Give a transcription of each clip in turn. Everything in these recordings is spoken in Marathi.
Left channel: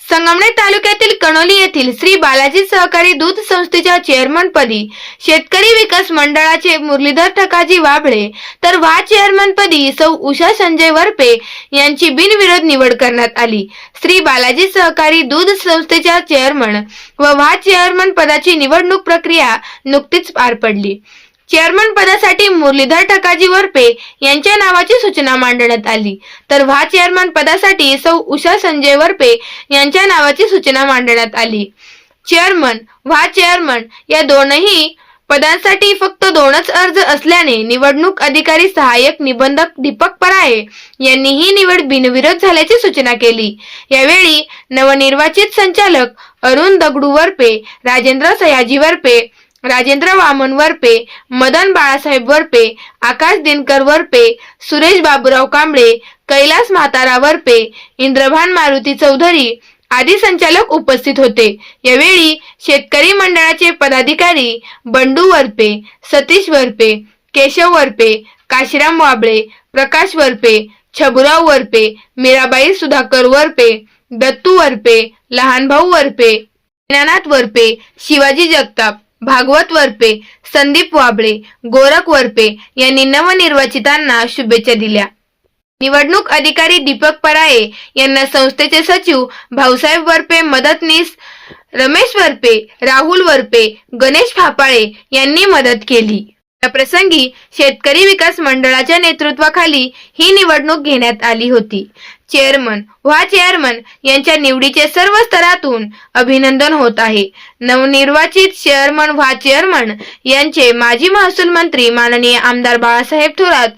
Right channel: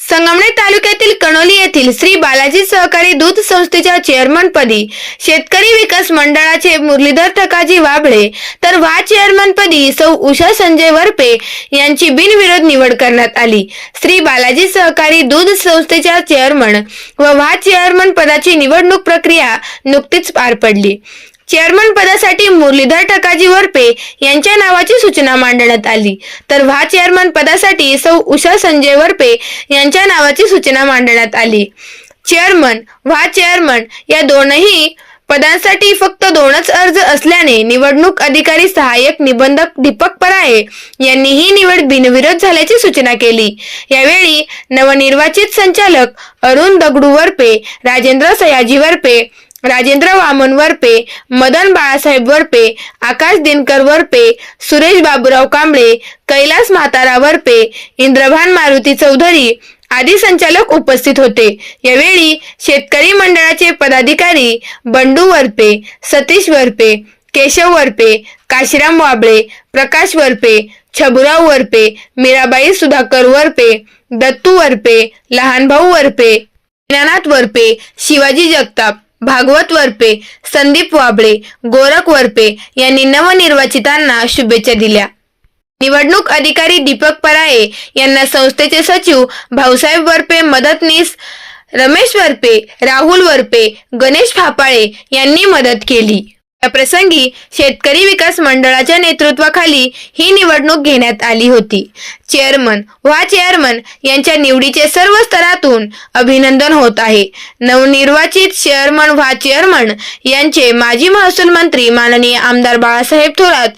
संगमनेर तालुक्यातील कणोली येथील श्री बालाजी सहकारी दूध संस्थेच्या चेअरमन पदी शेतकरी विकास मंडळाचे मुरलीधर ठकाजी वाबळे तर व्हा चेअरमन पदी सौ उषा संजय वरपे यांची बिनविरोध निवड करण्यात आली. श्री बालाजी सहकारी दूध संस्थेच्या चेअरमन व वा चेअरमन पदाची निवडणूक प्रक्रिया नुकतीच पार पडली. चेअरमन पदासाठी मुरलीधर टकाजी वरपे यांच्या नावाची सूचना मांडण्यात आली. तर व्हा चेअरमन पदासाठी सौ उषा संजय वरपे यांच्या नावाची सूचना मांडण्यात आली. चेअरमन व्हा चेअरमन या दोनही पदांसाठी फक्त दोनच अर्ज असल्याने निवडणूक अधिकारी सहाय्यक निबंधक दीपक पराये यांनी ही निवड बिनविरोध झाल्याची सूचना केली. यावेळी नवनिर्वाचित संचालक अरुण दगडू वरपे राजेंद्र सयाजी वरपे राजेंद्र वामन वरपे मदन बाळासाहेब वरपे आकाश दिनकर वरपे सुरेश बाबूराव कांबळे कैलास म्हातारा वरपे इंद्रभान मारुती चौधरी आदी संचालक उपस्थित होते. यावेळी शेतकरी मंडळाचे पदाधिकारी बंडू वरपे सतीश वरपे केशव वरपे काशीराम वाबळे प्रकाश वरपे छबुराव वरपे मीराबाई सुधाकर वरपे दत्तू वरपे लहानभाऊ वरपे दीनानाथ वरपे शिवाजी जगताप. भागवत वरपे संदीप वाबळे गोरख वरपे यांनी नवनिर्वाचितांना शुभेच्छा दिल्या. निवडणूक अधिकारी दीपक पराये यांना संस्थेचे सचिव भाऊसाहेब वरपे मदतनीस रमेश वरपे राहुल वरपे गणेश फापाळे यांनी मदत केली. प्रसंगी शेतकरी विकास मंडळाच्या नेतृत्वाखाली ही निवडणूक घेण्यात आली होती. चेअरमन व्हा चेअरमन यांच्या निवडीचे सर्व स्तरातून अभिनंदन होत आहे. नवनिर्वाचित चेअरमन व्हा चेअरमन यांचे माजी महसूल मंत्री माननीय आमदार बाळासाहेब थोरात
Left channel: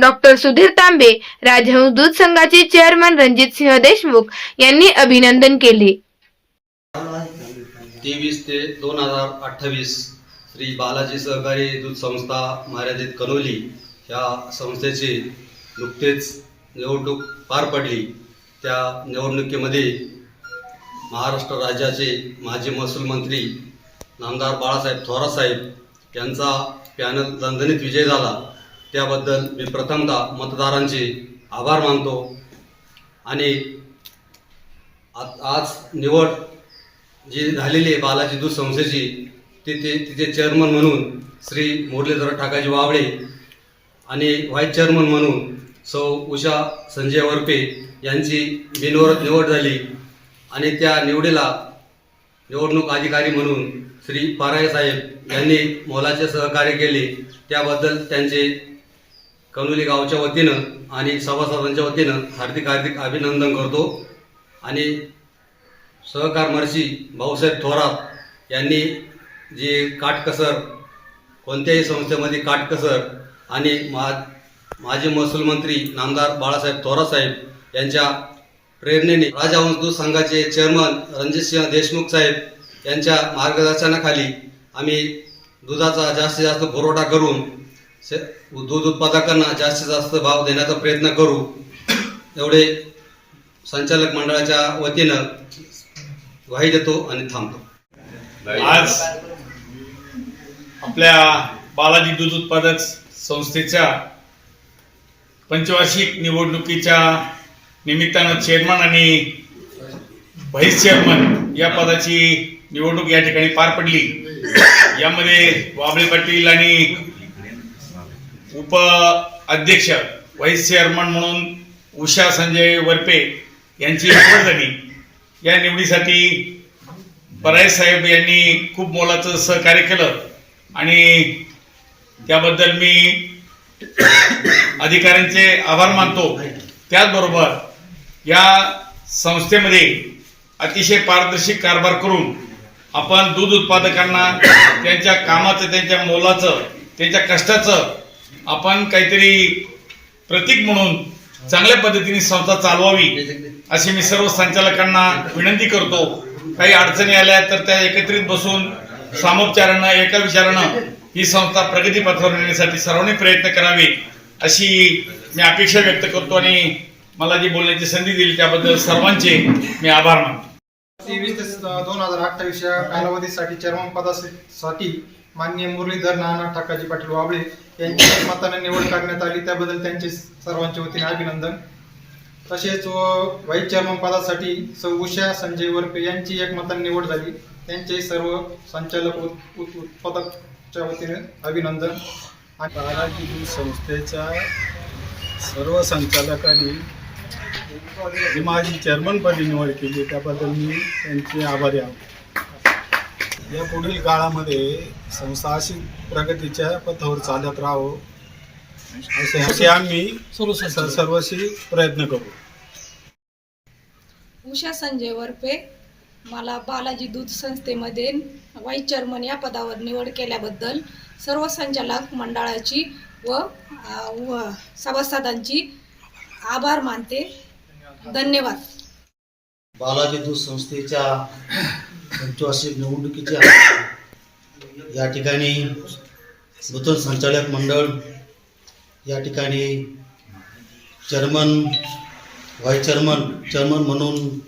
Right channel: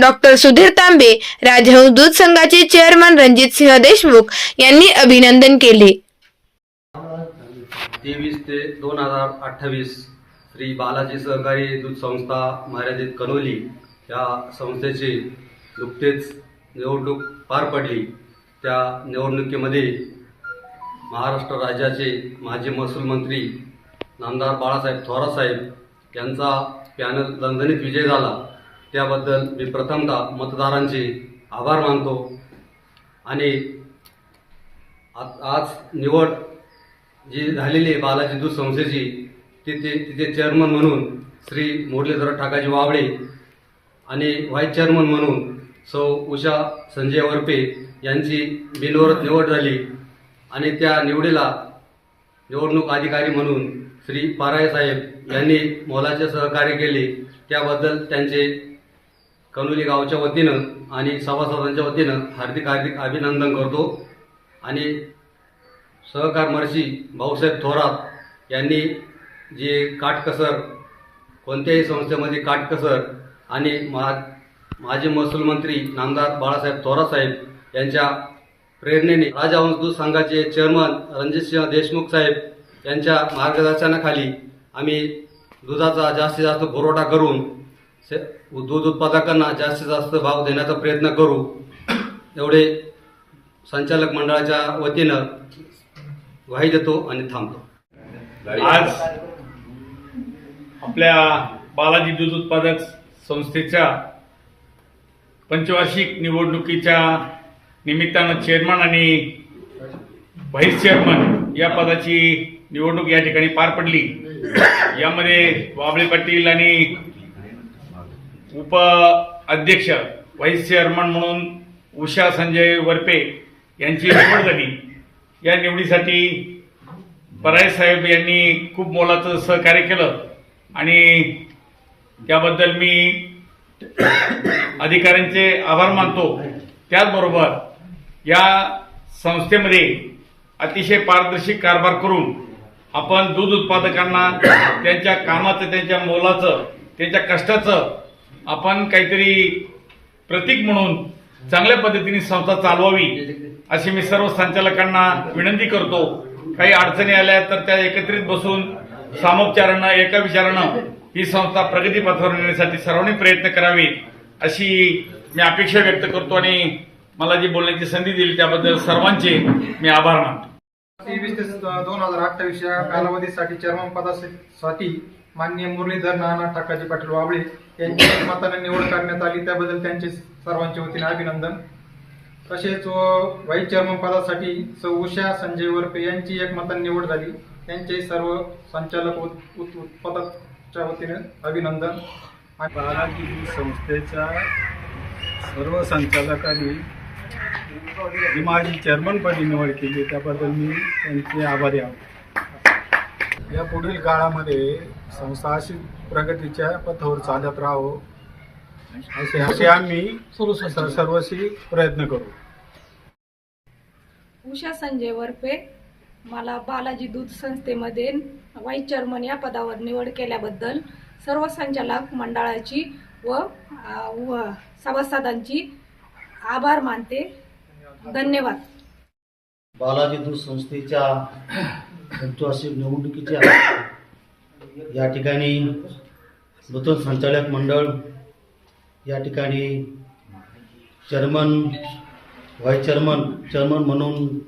डॉक्टर सुधीर तांबे राजहंस दूध संघाचे चेअरमन रणजित सिंह देशमुख यांनी अभिनंदन केले. तेवीस ते दोन हजार अठ्ठावीस श्री बालाजी सहकारी दूध संस्था मर्यादित कनोली ह्या संस्थेची नुकतेच निवडणूक पार पडली. त्या निवडणुकीमध्ये महाराष्ट्र राज्याचे माजी महसूल मंत्री नामदार बाळासाहेब थोरासाहेब यांचा पॅनल दणदणीत विजय झाला. त्याबद्दल मी प्रथमतः मतदारांचे आभार मानतो. आणि आज निवड जी झालेली आहे बालाजी दूध संस्थेची तिथे तिथे चेअरमन म्हणून श्री मुरलीधर ठाकाजी वावळे आणि व्हाईस चेअरमन म्हणून सौ उषा संजय वरपे यांची बिनविरोध निवड झाली. आणि त्या निवडीला निवडणूक अधिकारी म्हणून श्री पाराय साहेब यांनी मोलाचे सहकार्य केले. त्याबद्दल त्यांचे कनोली गावच्या वतीनं आणि सभासदांच्या वतीनं हार्दिक हार्दिक अभिनंदन करतो. आणि सहकारमर्षी भाऊसाहेब थोरात यांनी जे काटकसर कोणत्याही संस्थेमध्ये काटकसर आणि मा माजी महसूल मंत्री नामदार बाळासाहेब थोरासाहेब यांच्या प्रेरणेने राजहंसदूत संघाचे चेअरमन रणजितसिंह देशमुख साहेब यांच्या मार्गदर्शनाखाली आम्ही दुधाचा जास्तीत जास्त पुरवठा करून से दूध उत्पादकांना जास्तीत जास्त भाव देण्याचा प्रयत्न करू. एवढे संचालक मंडळाच्या वतीनं ग्वाही देतो आणि थांबतो. आज आपल्या बालाजी दूध उत्पादक संस्थेच्या पंचवार्षिक निवडणुकीच्या निमित्तानं चेअरमन आणि व्हाईस चेअरमन या पदाची निवडणूक या ठिकाणी पार पडली. यामध्ये वाबळे पाटील आणि उप अध्यक्ष व्हाईस चेअरमन म्हणून उषा संजय वरपे यांची निवड झाली. या निवडीसाठी पराय साहेब यांनी खूप मोलाचं सहकार्य केलं. आणि त्याबद्दल मी अधिकाऱ्यांचे आभार मानतो. त्याचबरोबर या संस्थेमध्ये अतिशय पारदर्शी कारभार करून आपण दूध उत्पादकांना त्यांच्या कामाचं त्यांच्या मोलाचं त्यांच्या कष्टाचं आपण काहीतरी प्रतीक म्हणून चांगल्या पद्धतीने संस्था चालवावी अशी मी सर्व संचालकांना विनंती करतो. काही अडचणी आल्या तर त्या एकत्रित बसून सामोपचारानं एका विचारानं ही संस्था प्रगतीपथावर नेण्यासाठी सर्वांनी प्रयत्न करावे अशी मी अपेक्षा व्यक्त करतो आणि मला जी बोलण्याची संधी दिली त्याबद्दल सर्वांचे मी आभार मानतो. तेवीस ते दोन हजार अठ्ठावीस या कालावधीसाठी चेअरमन पदासाठी माननीय मुरलीधर नाना ठाकाजी पाटील वाबळे यांची मताने निवड करण्यात आली. त्याबद्दल त्यांचे सर्वांच्या वतीने अभिनंदन. तसेच व्हाईस चेअरमन पदासाठी सौ उषा संजय वरपे यांची एकमताने निवड झाली. त्यांचे सर्व संचालक उत- उत- उत्पादकच्या वतीने अभिनंदन. आणि बालाजी दूध संस्थेच्या सर्व संचालकांनी जी माझी चेअरमनपदी निवड केली त्याबद्दल मी त्यांचे आभारी आहोत. या पुढील काळामध्ये संस्था अशी प्रगतीच्या पथावर चालत राहो असे असे आम्ही सर्वशी प्रयत्न करू. उषा संजय वरपे मला बालाजी दूध संस्थेमध्ये वाईस चेअरमन या पदावर निवड केल्याबद्दल सर्व संचालक मंडळाची व व सभासदांची आभार मानते. धन्यवाद. बालाजी दूध संस्थेच्या पंचवार्षिक निवडणुकीच्या या ठिकाणी नूतन संचालक मंडळ या ठिकाणी चेअरमन व्हाईस चेअरमन चेअरमन म्हणून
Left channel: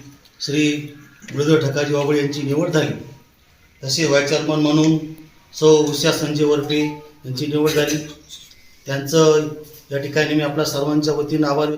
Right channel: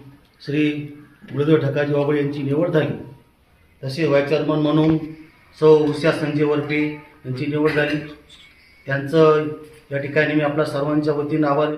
श्री मुरलीधर ठकाजी बाबळे यांची निवड झाली. तसे व्हाय चेअरमन म्हणून सौ उषा संजय वरपे यांची निवड झाली. त्यांचं या ठिकाणी मी आपल्या सर्वांच्या वतीनं आभार